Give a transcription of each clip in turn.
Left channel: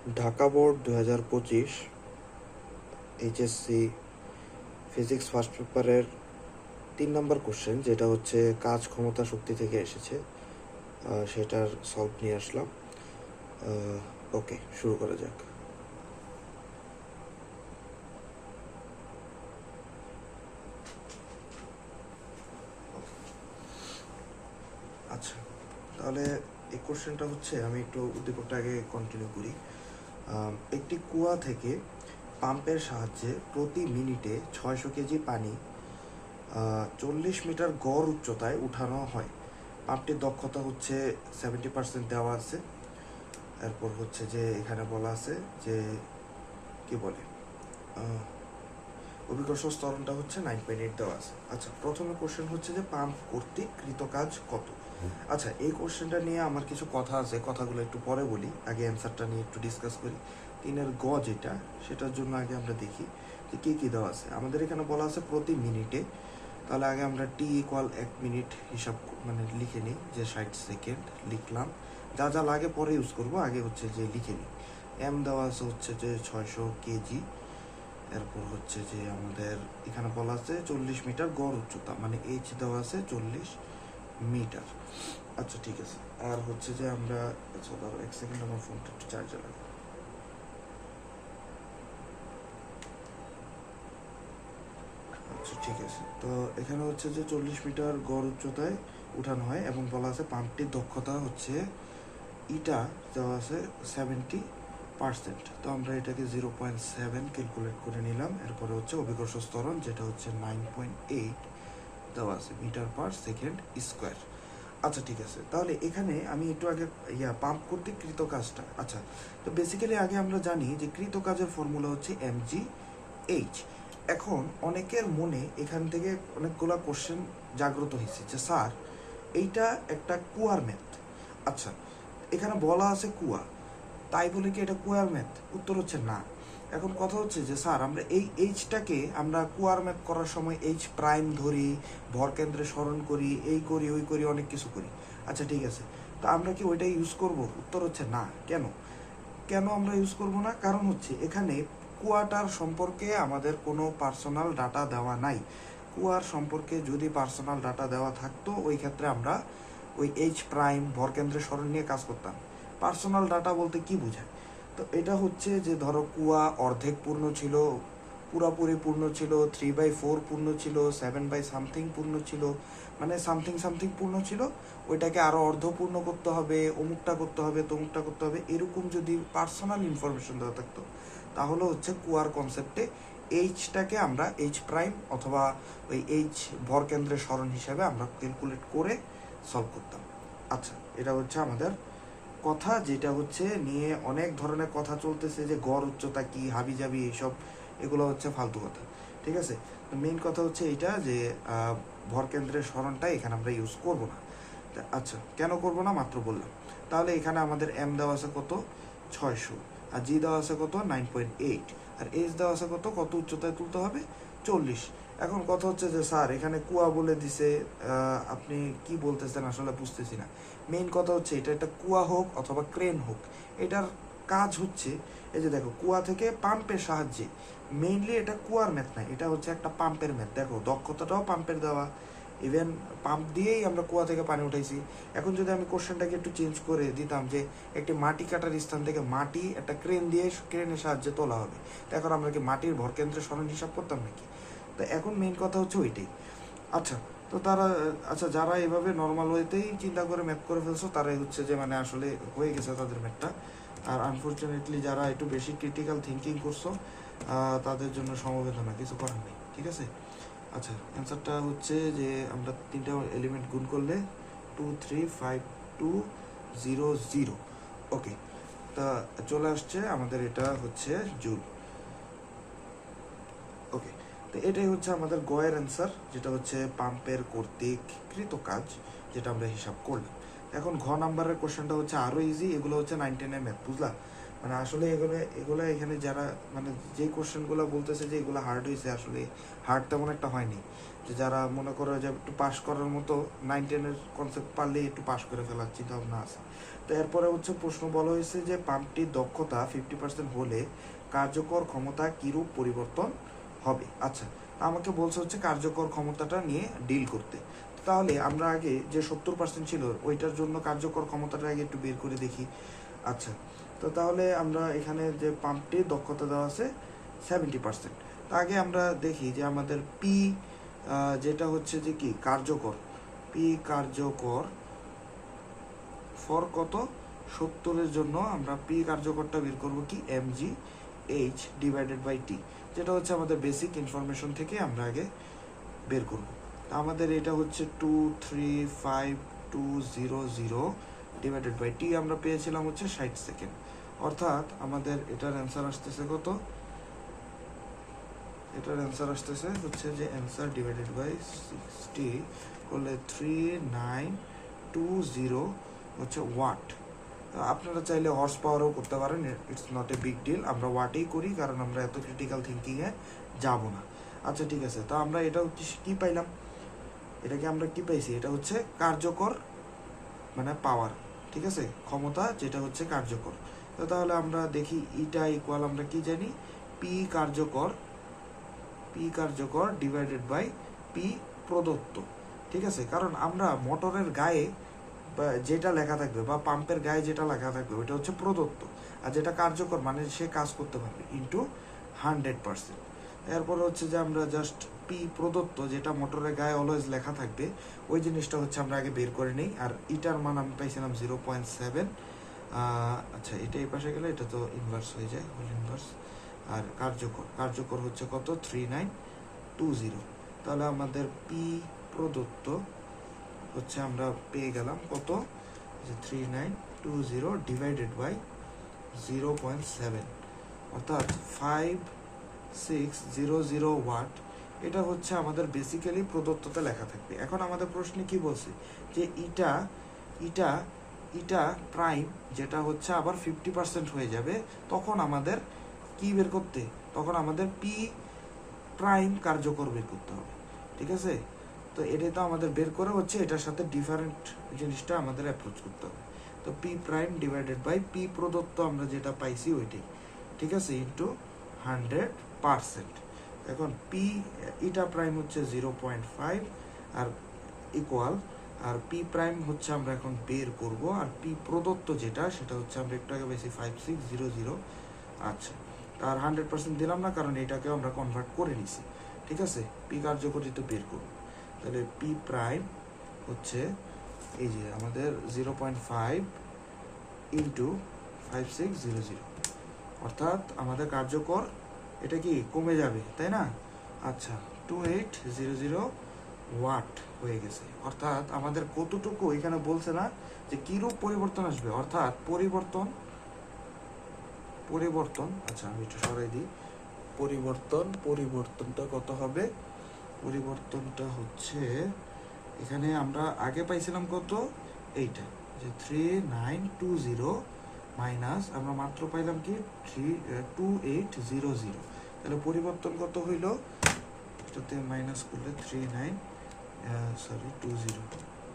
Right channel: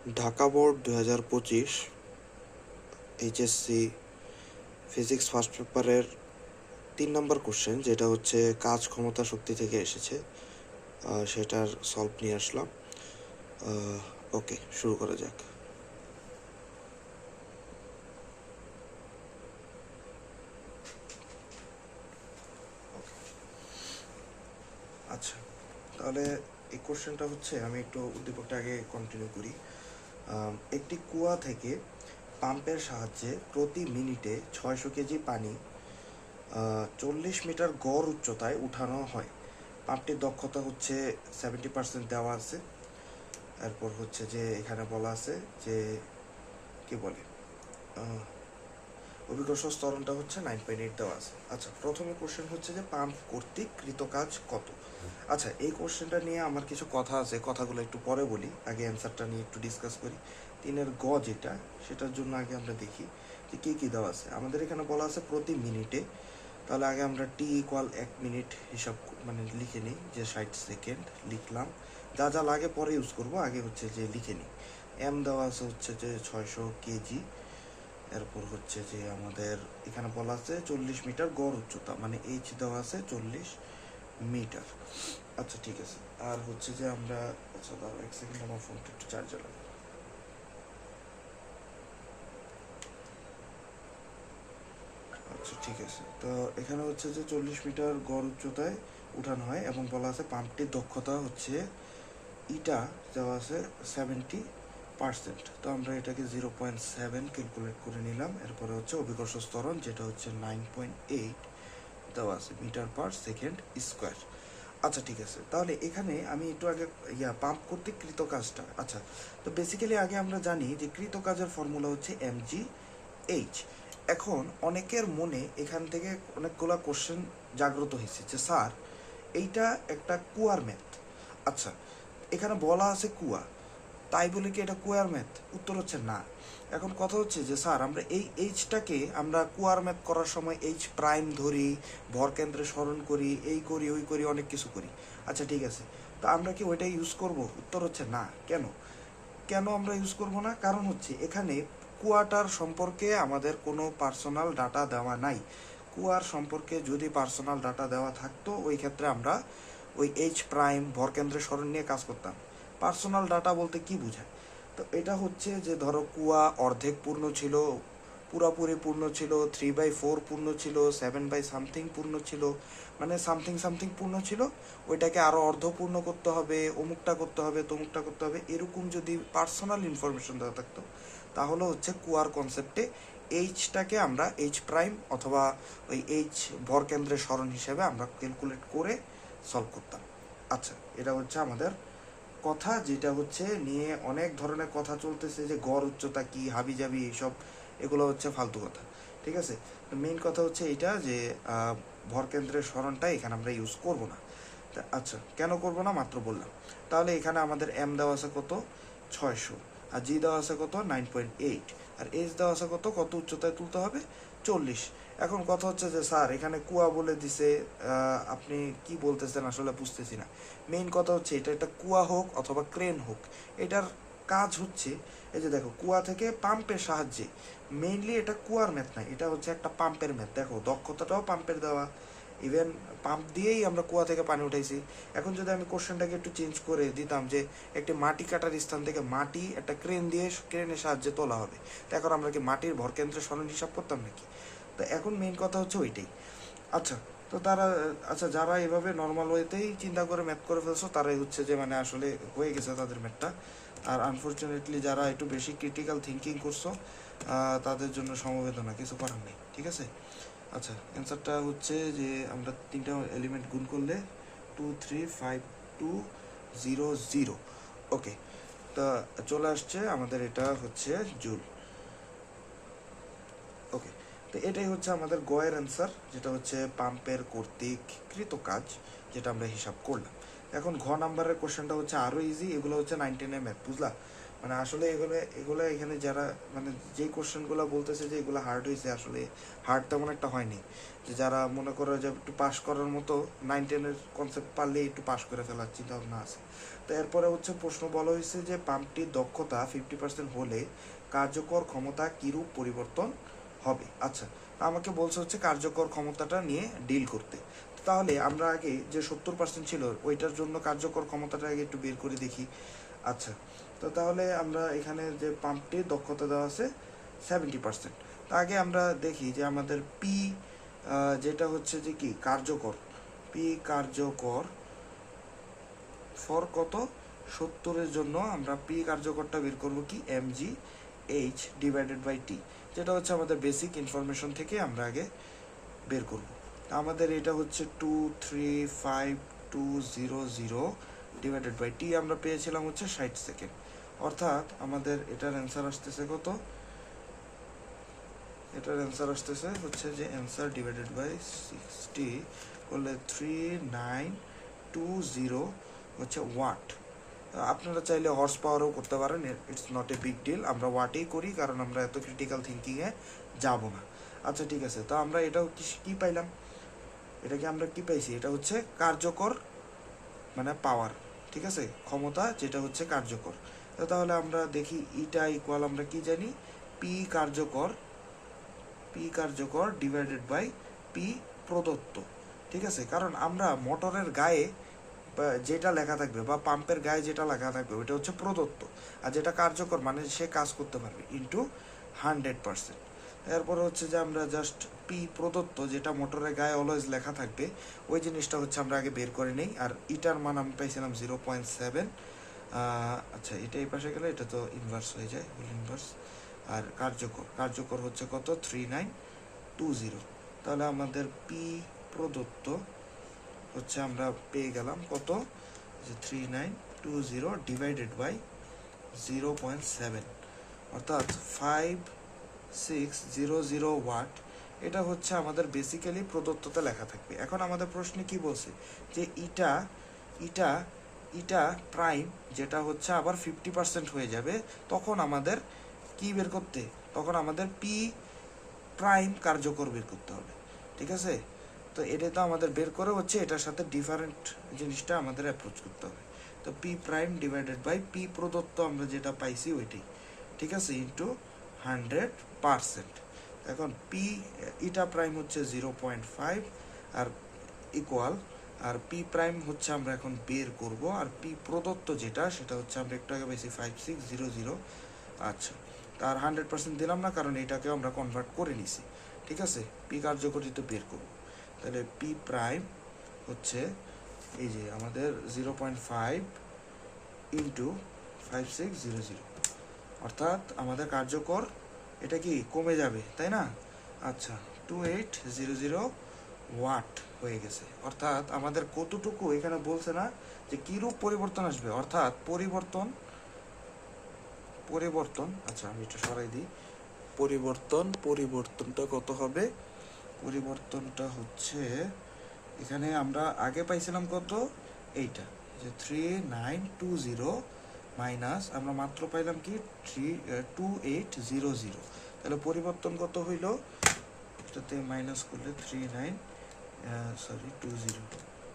Dhaka board 2025 HSC physics first পেপারের 3 নম্বর question, যেটা হচ্ছে কাজ ক্ষমতা শক্তি থেকে এসেছে, সেটার সলভ নিয়ে আসলাম। ওকে, শুরু করা যাক। আচ্ছা, তাহলে এই কোশ্চেনটা হচ্ছে, আমি একটু উদ্দীপকটা আগে কন্টিনিউ করি। একটি কুয়া থেকে পাম্পের সাহায্যে প্রতি মিনিটে 600 কেজি পানি 40 মিটার গড় উচ্চতায় উঠানো হয়। পাম্পটির দক্ষতা হচ্ছে 70% দেওয়া আছে। এরপর হচ্ছে যে এখানে বলা আছে যে কি বলে অভিকর্ষজ ত্বরণটা হচ্ছে 9.8 দেওয়া আছে। আচ্ছা, প্রথমে কোশ্চেন হচ্ছে যে পাম্প কর্তৃক কৃতকাজ কত। আচ্ছা, এই কোশ্চেনটা নিয়ে আমার কিছু কথা আছে, কথাগুলো একটু পরে বলি, আগে অ্যান্সারটা নিয়ে একটু ডিসকাস করি। 3-এর গ যেটা, সেটার জন্য আগে আমরা দেখি যে কী কী দেওয়া আছে। আমাদের এখানে বলা আছে প্রতি মিনিটে, তাহলে আগে আমরা টি ইকুয়াল 1 মিনিট হিসাব লিখে নিই, যে 60 সেকেন্ড লিখলাম। যা যা লাগে পরে ইউজ করবো, আগে হচ্ছে যে লিখে নিই। এম দেওয়া আছে হচ্ছে যে 600 কেজি। এরপর হচ্ছে যে আমাদের এখানে বলা আছে 40 মিটার গড় উচ্চতা, মানে এইচ দেওয়া আছে 40 মিটার। আচ্ছা, ঠিক আছে। আর হচ্ছে যে আমরা, আচ্ছা দাঁড়াও 1 সেকেন্ড, আমার ফোনটা একটু চার্জে লাগাই। আচ্ছা, ঠিক আছে। তো এখানে হচ্ছে যে 40 মিটার গড় উচ্চতায় উঠানো হয়, এবং বলা আছে পাম্পটির দক্ষতা হচ্ছে ইটা দেওয়া আছে 70%। তো আমরা এটাকে 0.7 ক্যালকুলেট করে নিলাম। এরপরে হচ্ছে অভিকর্ষজ ত্বরণ, যেটা হচ্ছে 9.8 দেওয়া আছে মিটার পার সেকেন্ড স্কোয়ার। আচ্ছা, ঠিক আছে। তাহলে এখানে আমি একটু আগে পাম্প কর্তৃক কৃত কাজটা, আচ্ছা, তো বেসিক্যালি আগে আমরা জানি যে কৃত কাজের ফর্মুলা হচ্ছে mgh। এখন অনেকের মনে এখান থেকে অনেকগুলো কোশ্চেন জাগ্রত হয়েছে যে স্যার, এইটা একটা কুয়ার ম্যাথ। আচ্ছা, এখানে বলা আছে কুয়া, তাই বলে কি এটা কুয়ার ম্যাথ? উত্তর হচ্ছে না। এখন কথা হচ্ছে যে স্যার, আমরা এই এইচটাকে আমরা কুয়ার ম্যাথ করার সময় এইচ প্রাইম ধরি, ভর কেন্দ্রে স্মরণ করি, এই করি ওই করি, অনেক কিছু করি। আচ্ছা, ঠিক আছে, তো আমরা কি ওইটাই ইউজ করব? উত্তর হচ্ছে না। কেন কেন আমরা ইউজ করব না? কারণ হচ্ছে এখানে কুয়াটার সম্পর্কে আমাদের কোনো পার্সোনাল ডাটা দেওয়া নাই। কুয়ার সম্পর্কে যদি পার্সোনাল ডাটা দেওয়া থাকতো, ওই ক্ষেত্রে আমরা ওই এইচ প্রাইম ভরকেন্দ্রের স্মরণ নিয়ে কাজ করতাম। পার্সোনাল ডাটা বলতে কি বোঝায়? তো এটা হচ্ছে যে ধরো কুয়া অর্ধেক পূর্ণ ছিল, পুরাপুরি পূর্ণ ছিল, 3/4 পূর্ণ ছিল, 7/something পূর্ণ ছিল, মানে সামথিং সামথিং পূর্ণ ছিল, ওইটাকে আরও অর্ধপূর্ণ করতে হবে, অমুকটা করতে হবে, তমুকটা করতে হবে, এরকম যদি পার্সোনাল ইনফরমেশন দেওয়া থাকতো, তাহলে হচ্ছে কুয়ার কনসেপ্টে এইচটাকে আমরা এইচ প্রাইম অথবা ওই এইচ ভর কেন্দ্রের স্মরণ হিসাবে আমরা ক্যালকুলেট করে সলভ করতাম। আচ্ছা, এটা হচ্ছে আমাদের কথা, যেটা হচ্ছে নিয়ে অনেক ধরনের কথা চলতেছে যে গড় উচ্চতা কি, হাবি জাবি, এইসব এগুলো হচ্ছে ফালতু কথা। ঠিক আছে, মেইন কথা হচ্ছে এইটা যে ভর কেন্দ্রের স্মরণটা এখানে আমরা ইউজ করব না। আচ্ছা, কেন করব না মাত্র বললাম। তাহলে এখানে আমাদের এম দেওয়া আছে কত? 600। আর জি দেওয়া আছে কত? 9.8। আর এইচ দেওয়া আছে কত? কত উচ্চতায় তুলতে হবে? 40। এখন কথা হচ্ছে যে স্যার, এখানে কুয়া বলে দিছে, আপনি কি বলতেছেন আসলে বুঝতেছি না। মেইন কথা হচ্ছে এটা একটা কুয়া হোক অথবা ক্রেন হোক, এটার কাজ হচ্ছে এই যে দেখো, কুয়া থেকে পাম্পের সাহায্যে, মেইনলি এটা কুয়ার ম্যাথ না, এটা হচ্ছে একটা পাম্পের ম্যাথ। দেখো, দক্ষতাটাও পাম্পের দেওয়া, ইভেন পাম্প দিয়েই আমরা কুয়া থেকে পানি উঠাইছি। এখন যদি আমি কোশ্চেনটাকে একটু চেঞ্জ করে দিতাম যে একটি মাটি কাটার স্থান থেকে মাটি একটা ক্রেন দিয়ে, ক্রেনের সাহায্যে তোলা হবে, তো এখন আমরা কি মাটির ভরকেন্দ্রের স্মরণ হিসাব করতাম নাকি? তো এখন মেইন কথা হচ্ছে ওইটাই। আচ্ছা, তো তারা, আচ্ছা, যারা এভাবে নর্মাল ওয়েতেই চিন্তা করে ম্যাথ করে ফেলছো, তারাই হচ্ছে যে মানে আসলে হয়ে গেছে তাদের ম্যাথটা। আর আনফর্চুনেটলি যারা একটু বেশি ক্রিটিক্যাল থিঙ্কিং করছো, তাদের জন্য সমবেদনা, কিছু করার নেই। ঠিক আছে। আচ্ছা, অ্যান্সারটা হচ্ছে যে আমরা 3টা এলিমেন্ট গুণ করলে 23520 ওকে, তা চলে আসছে আমাদের, এটা হচ্ছে জুল। ওকে, তো এটাই হচ্ছে আমাদের গয়ের অ্যান্সার, যেটা হচ্ছে পাম্পের কর্তৃক কৃত কাজ, যেটা আমরা হিসাব করলাম। এখন ঘ নাম্বারের কোশ্চেনটা হচ্ছে আরও ইজি। এগুলো হচ্ছে 9-10 ম্যাথ, বুঝলা? মানে আসলে এগুলো এখানে যারা মানে যে কোশ্চেনগুলো বলতেছে যে এগুলো হার্ড হয়েছে, আসলে হার্ড তেমন একটা হয়নি। যে যারা মনে করো যে একটু পাস করার মতো 9-10-এর কনসেপ্ট পারলেই একটু পাস করে ফেলার চিন্তা ভাবনা আছে। তো এরপরে হচ্ছে প্রশ্ন বলা হয়েছে যে পাম্পটির দক্ষতা 50% হলে কার্যকর ক্ষমতা কিরূপ পরিবর্তন হবে। আচ্ছা, আমাকে বলছে হচ্ছে কার্যকর ক্ষমতাটা নিয়ে ডিল করতে। তাহলে আমরা আগে যে 70% ছিল ওইটার জন্য কার্যকর ক্ষমতাটা আগে একটু বের করে দেখি। আচ্ছা, তো তাহলে আমরা এখানে যে পাম্পটির দক্ষতা দেওয়া আছে 70%। আগে আমরা দেখি যে আমাদের পি যেটা হচ্ছে যে কি কার্যকর, পি কার্যকর ফর কত 70-এর জন্য আমরা পি কার্যকরটা বের করবো কি mg h divided by T, যেটা হচ্ছে আমাদের বেসিক ইনফরমেশন থেকে আমরা আগে বের করব। আমাদের এটা হচ্ছে 235,200 ডিভাইডেড বাই টি আমরা পেয়েছিলাম হচ্ছে 60 সেকেন্ড। অর্থাৎ আমাদের এটার অ্যান্সার আসতেছে কত, এটার অ্যান্সার আসতেছে হচ্ছে যে অ্যান্সার ডিভাইডেড বাই 60 করলে 3920 হচ্ছে ওয়াট। আপনারা চাইলে হর্স পাওয়ারও করতে পারেন, it's not a big deal. আমরা ওয়াটেই করি কারণ আমরা এত ক্রিটিক্যাল থিঙ্কিংয়ে যাব না। আচ্ছা ঠিক আছে, তা আমরা এটা হচ্ছে কী পাইলাম, এটাকে আমরা কি পাইছি, এটা হচ্ছে কার্যকর মানে পাওয়ার, ঠিক আছে, ক্ষমতা যেটা হচ্ছে কার্যকর। তাহলে আমরা দেখি ইটা ইকুয়াল আমরা কি জানি, পি কার্যকর ডিভাইডেড বাই পি প্রদত্ত, ঠিক আছে। কারণ আমরা মোটরের গায়ে যেটা লেখা থাকবে বা পাম্পের গায়ে যেটা লেখা থাকবে ওটা হচ্ছে প্রদত্ত, আর যেটা কার্যকর মানে সে কাজ করতে পারবে ইন্টু 100%। এরপর হচ্ছে যে আমরা জাস্ট পি প্রদত্ত যেটা মোটরের গায়ে অলওয়েজ লেখা থাকবে ওই জিনিসটা হচ্ছে আমরা আগে বের করে নিই। আর ইটার মান আমি পাইছিলাম 0.7। আচ্ছা, এটা এই পাশে গেলে এটা তো ইনভার্স হয়ে যায়, ইনভার্স। আর কার্যকর হচ্ছে কত 3920। তাহলে আমাদের পি প্রদত্ত হচ্ছে আমরা পেয়ে গেলাম কত, যে 3920 ডিভাইডেড বাই 0.7 অর্থাৎ 5600 ওয়াট। এটা হচ্ছে আমাদের বেসিক্যালি প্রদত্ততে লেখা থাকবে। এখন আমাদের প্রশ্নে কি বলছে যে ইটা প্রাইম যেটা হচ্ছে আবার 50% হয়ে যাবে, তখন আমাদের কি বের করতে, তখন আমাদের পি প্রাইম কার্যকর বের করতে হবে, ঠিক আছে। তো এটা তো আমাদের বের করে হচ্ছে এটার সাথে ডিফারেন্ট জিনিসটা আমাদের অ্যাপ্রোচ করতে হবে। তো p prime divided by p প্রদত্ত আমরা যেটা পাইছি ওইটাই, ঠিক আছে, ইন্টু 100%। এখন পি ইটা প্রাইম হচ্ছে 0.5 আর ইকুয়াল, আর পি প্রাইম হচ্ছে আমরা এখন বের করব, আর পি প্রদত্ত যেটা সেটা হচ্ছে আমরা একটু আগে বেশি 5600। আচ্ছা, তার 100% দিলাম না কারণ এটাকেও আমরা কনভার্ট করে নিছি, ঠিক আছে। পি কার্যকরিত বের করব, তাহলে পি প্রাইম হচ্ছে এই যে আমাদের 0.5 ইন্টু 5600, অর্থাৎ আমাদের কার্যকর এটা কি কমে যাবে, তাই না। আচ্ছা, 2800 ওয়াট হয়ে গেছে। অর্থাৎ আমাদের কতটুকু এখানে বলছে না যে কিরূপ পরিবর্তন আসবে, অর্থাৎ পরিবর্তন। আচ্ছা আমি একটু সরাই দিই, পরিবর্তনটা কত হবে, পরিবর্তনটা হচ্ছে এখানে আমরা আগে পাইছিলাম কত, এইটা যে 3920 মাইনাস আমরা মাত্র পাইলাম কি 2800। তাহলে পরিবর্তন কত হইল, এটাতে মাইনাস করলে 20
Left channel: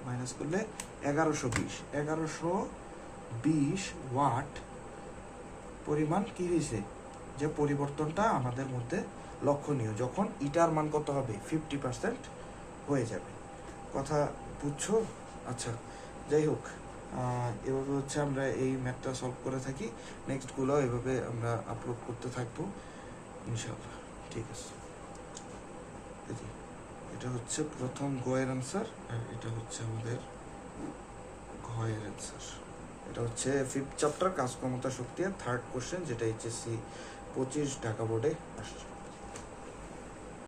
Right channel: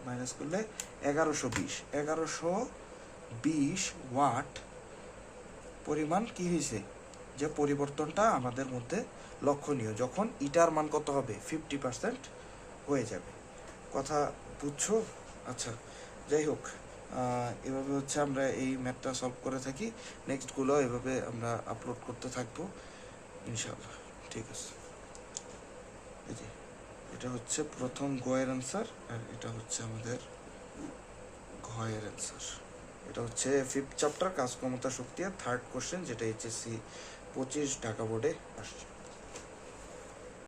মাইনাস করলে 1120 ওয়াট পরিমাণ কি হয়েছে, যে পরিবর্তনটা আমাদের মধ্যে লক্ষণীয় যখন ইটার মান কত হবে 50% হয়ে যাবে। কথা বুঝছো? আচ্ছা, যাই হোক, এভাবে হচ্ছে আমরা এই ম্যাথটা সলভ করে থাকি। নেক্সটগুলো এভাবে আমরা আপলোড করতে থাকবো ইনশাআল্লাহ, ঠিক আছে। এটা হচ্ছে প্রথম গয়ের অ্যান্সার, আর এটা হচ্ছে আমাদের ঘয়ের অ্যান্সার। এটা হচ্ছে 5th চ্যাপ্টার কাজ ক্ষমতা শক্তি, 3rd কোশ্চেন, যেটা HSC 25 ঢাকা বোর্ডে আসছে।